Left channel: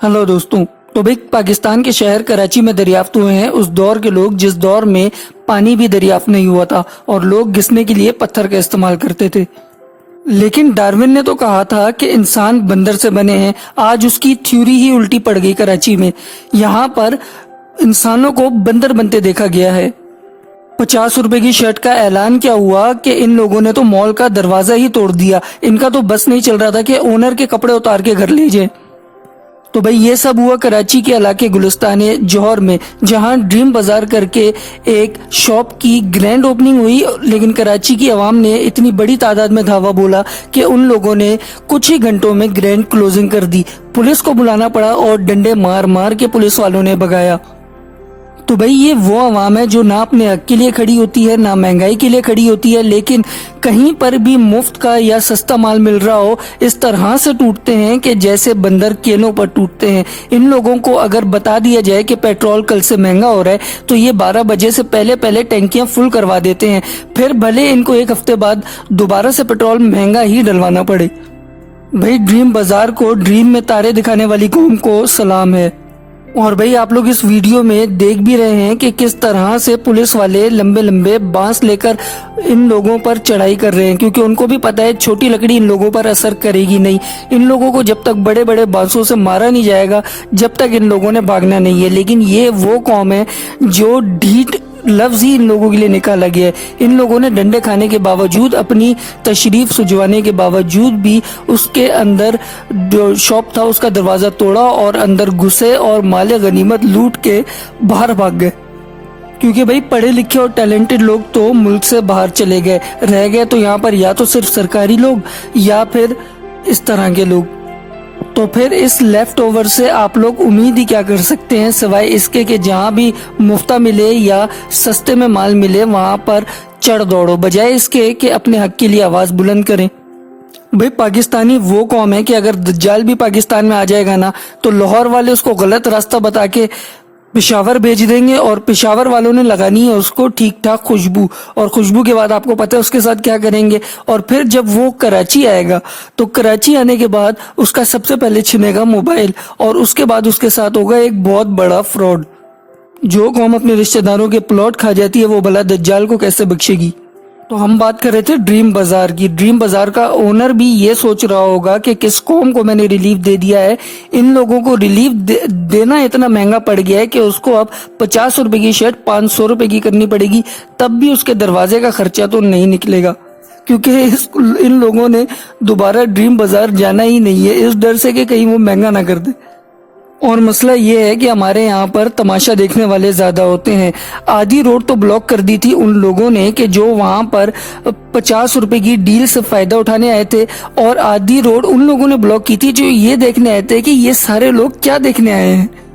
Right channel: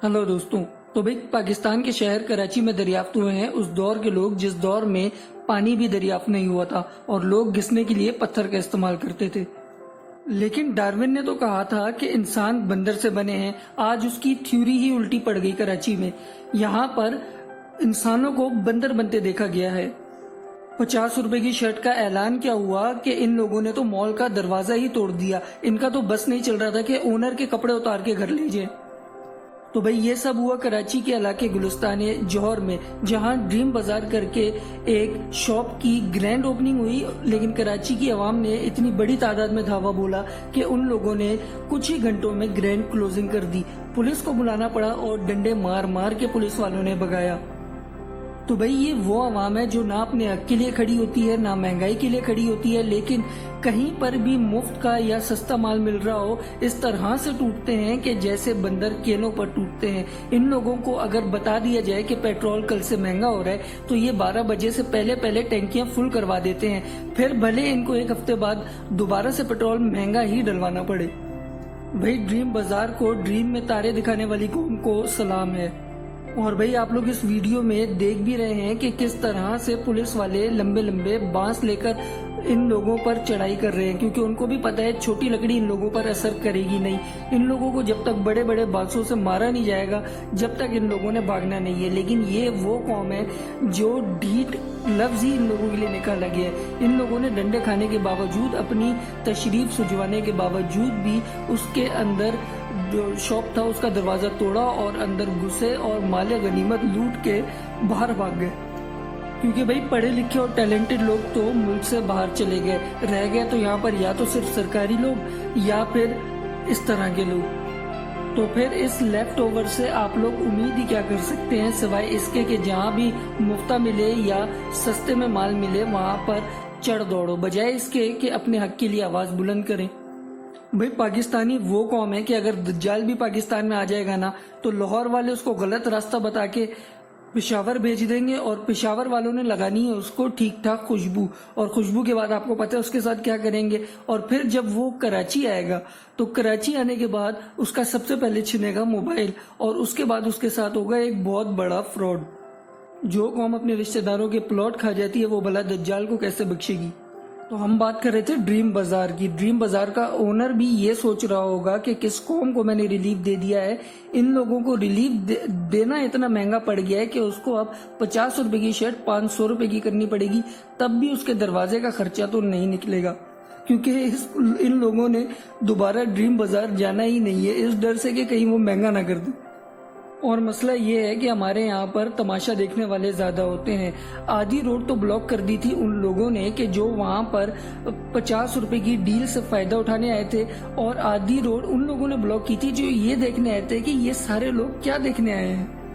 Hello दोस्तों। तो भाई पाकिस्तान के शहर कराची में दरियाफ्त हुए हैं उस दौर के लोग जिस दौर में पानी भी दरियाफ्त नहीं हुआ था और लोग घिसने के लिए पत्थर का इस्तेमाल करते थे। लेकिन डार्विन ने तो कहा था कि इंसान बंदर से बने हैं। आज उसकी थ्योरी ही उल्टी पड़ गई कराची में। यहाँ पर इंसानों को बंदर बनते देखा गया है। 50 रुपए की शर्ट का ऐलान क्या हुआ कि इन लोगों ने तो मॉल का दरवाजा ही तोड़ दिया। इनका तो बस नहीं चल रहा था कि ओनर के कपड़े उतार के घर ले जाए। तो भाई ये सब हुआ कराची के इलाके गुलिस्तान जौहर में, जहां ड्रीम बाजार करके एक शॉप की ग्रैंड ओपनिंग हुई। लेकिन कराची की आवाम ने इतनी बड़ी तादाद में धावा बोला कि उन लोगों ने कुछ ही घंटों में ग्रैंड क्लोजिंग कर दी। पुलिस को बुलाना पड़ा और डंडे मार मार के पुलिस वालों ने भगाया। तो भाई ये वो आवाम है जो ना अपने हक के लिए खड़ी होती है ना महंगाई के लिए खड़ी होती है, लेकिन कहीं पर भी मुफ्त का या सस्ता माल मिल रहा हो इस तरह से टूटते हैं कि जैसे बंदर केलों पर टूटते हैं। इन लोगों को अगर बता दिया जाए कि पेट्रोल कल से महंगा हो रहा है तो ये 12 बजे से पहले पहले टैंकियां फुल करवा देते हैं, फिर भले इनको एक हफ्ते बाद दोबारा से पेट्रोल महंगा ही डलवाना पड़े। भाई ड्रीम बाजार को ड्रीम में तारे दिखाने वाली कौम को सलाम है। और भाई आप लोग इस वीडियो में देख भी रहे हैं कि किस तरह से पुलिस वाले लंबे लंबे बांस लेकर इन लोगों पर चढ़ाई कर रहे हैं, क्योंकि उनको भी पता है छोटी लकड़ी इन लोगों पर असर करेगी नहीं। इन लोगों को जब तक बड़े बड़े बांसों से मारा नहीं जाएगा जब तक इन लोगों ने भागना नहीं है। लेकिन ये वो कौम है जो ढीठ लफ्ज ही इन लोगों के लिए निकाला गया है। इन लोगों ने डंडे खाने के बावजूद, अपनी तशरीफ सुझवाने के बावजूद भी उसके अंदर जो शॉप था उसका दरवाजा तोड़ा और अंदर घुसे और माले गनीमत लूट के बाहर भाग गए। क्योंकि भाई पढ़े लिखे और टैलेंटेड लोग तो मुल्क से बाहर चले गए, रह गए तो यहाँ पर या तो सिर्फ सरकारी लोग या फिर इस तरह के लोग। तो फिर इस लेफ्ट ओवर से आप लोग उम्मीद ही क्या कर सकते हैं सिवाय इसके कि जहाँ भी मुफ्ता मिले या सस्ते में माल मिले वहां पर चढ़ दौड़ो, बजाय इसके कि अपने हक के लिए आवाज बुलंद करें। भाई पाकिस्तानी वो कौम है कि अगर दज्जाल भी पाकिस्तान में आ जाएगा ना तो लाहौर वाले उसको गलत रास्ता बता के पेशावर भेज देंगे और पेशावर वालों ने लगानी है उसको ठीक ठाक खुशबू, और खुशबू के बाद आपको पता है उसके साथ क्या करेंगे। और फिर जब वो कराची आएगा तो कराची आने के बाद उसका सबसे पहले छिनेगा मोबाइल और उसके बाद उसके साथ होगा एक बहुत बड़ा फ्रॉड। जो कौम अपने रिश्तेदारों के प्लॉट खा जाती है वो भला दज्जाल को कैसे बख्शेगी। तो हम बात कर रहे थे ड्रीम बाजार की। ड्रीम बाजार का ओनर भी ये सोच रहा होगा कि किस कौम को मैंने रिलीफ दे दिया है। इन लोगों को रिलीफ देना इतना महंगा पड़ गया है कि उसको अब 50 रुपए की शर्ट 500 रुपए की करनी पड़ेगी, तब भी उसके दरवाजे का खर्चा तो नहीं निकलेगा, क्योंकि इन लोगों ने दोबारा ड्रीम बाजार जाना ही नहीं है इस डर से कि कहीं वो महंगा ना कर दे। और मसला ये है कि हमारे यहाँ पर तमाशा देखने वाले ज्यादा होते हैं। आधी रोड तो ब्लॉक कर दी थी उन लोगों ने कि जो वहाँ पर 50 रुपए की डील से फायदा उठाने आए थे, और आधी रोड उन लोगों ने ब्लॉक की थी जो ये देखने आए थे कि ये सारे लोग क्या देखने आए हैं।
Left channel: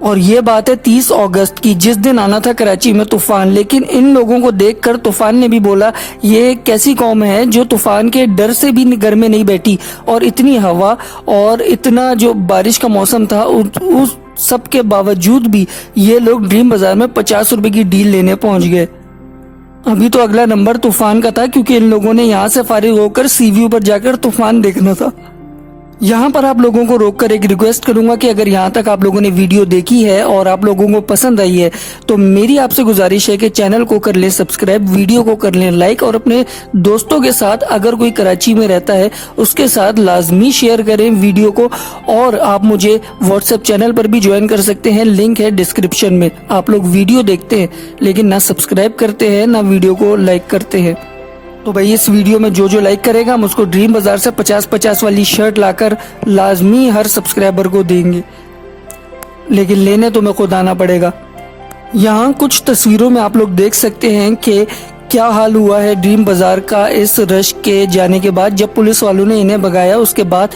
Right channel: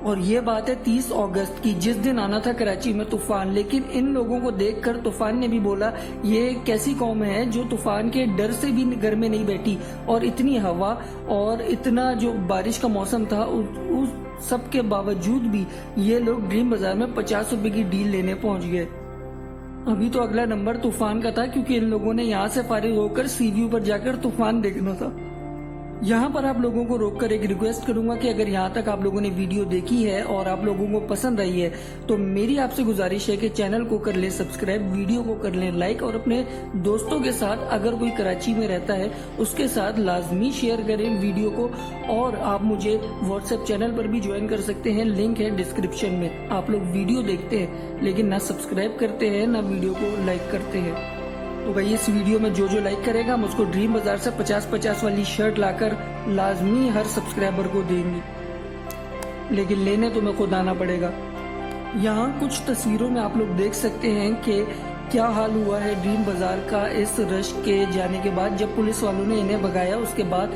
और ये बात है 30 अगस्त की, जिस दिन आना था कराची में तूफान। लेकिन इन लोगों को देखकर तूफान ने भी बोला ये कैसी कौम है जो तूफान के डर से भी घर में नहीं बैठी। और इतनी हवा और इतना जो बारिश का मौसम था उस सब के बावजूद भी ये लोग ड्रीम बाजार में 50 रुपए की डील लेने पहुंच गए। अभी तो अगला नंबर तूफान का था, क्योंकि इन लोगों ने यहाँ से फारिग होकर सी व्यू पर जाकर तूफान देखना था। यहाँ पर आप लोगों को रोककर एक रिक्वेस्ट करूंगा कि अगर यहाँ तक आप लोगों ने वीडियो देखी है और आप लोगों को पसंद आई है तो मेरी आपसे गुजारिश है कि चैनल को कर लें सब्सक्राइब, वीडियो को कर लें लाइक, और अपने दोस्तों के साथ अगर कोई कराची में रहता है उसके साथ लाजमी शेयर करें वीडियो को। और आप मुझे व्हाट्सएप चैनल पर भी ज्वाइन कर सकते हैं, लिंक है डिस्क्रिप्शन में। आप लोग वीडियो देखते हैं लेकिन ना सब्सक्राइब करते हैं ना वीडियो को लाइक करते हैं। तो भाई इस वीडियो में जो लाइक करेगा हम उसको ड्रीम बाजार से 50-50 वाली शर्ट लाकर लाजमी हर सब्सक्राइबर को देंगे, लेकिन लेने तो मैं खुद आना पड़ेगा। यहाँ कुछ तस्वीरों में आप लोग देख सकते हैं कि क्या हाल हुआ है ड्रीम बाजार का इस रश के जाने के बाद। जब पुलिस वालों ने इन्हें भगाया उसके बाद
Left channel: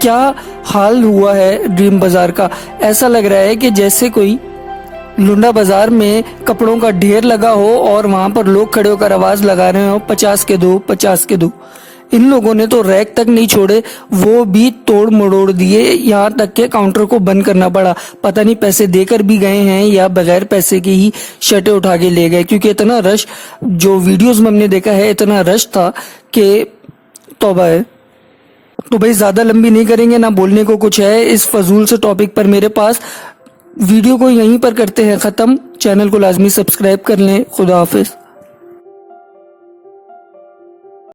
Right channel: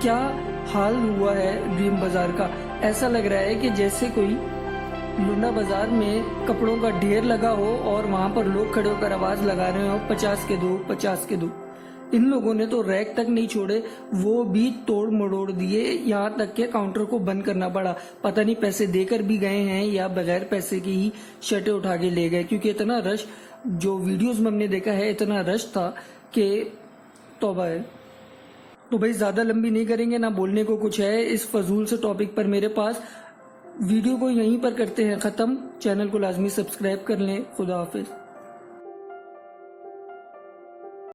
क्या हाल हुआ है ड्रीम बाजार का। ऐसा लग रहा है कि जैसे कोई लुंडा बाजार में कपड़ों का ढेर लगा हो और वहां पर लोग खड़े होकर आवाज लगा रहे हो 50 के दो 50 के दो। इन लोगों ने तो रैक तक नहीं छोड़े, वो भी तोड़ मरोड़ दिए, यहाँ तक के काउंटर को बंद करना पड़ा। पता नहीं पैसे देकर भी गए हैं या बगैर पैसे के ही शर्टें उठा के ले गए, क्योंकि इतना रश, जो वीडियोस में हमने देखा है इतना रश था कि तौबा है। तो भाई ज़्यादा लंबी नहीं करेंगे, ना बोलने को कुछ है इस फजूल से टॉपिक पर मेरे पास। वीडियो को यहीं पर करते हैं ख़त्म। चैनल को लाजमी सब्सक्राइब कर लें। खुदा हाफिज़।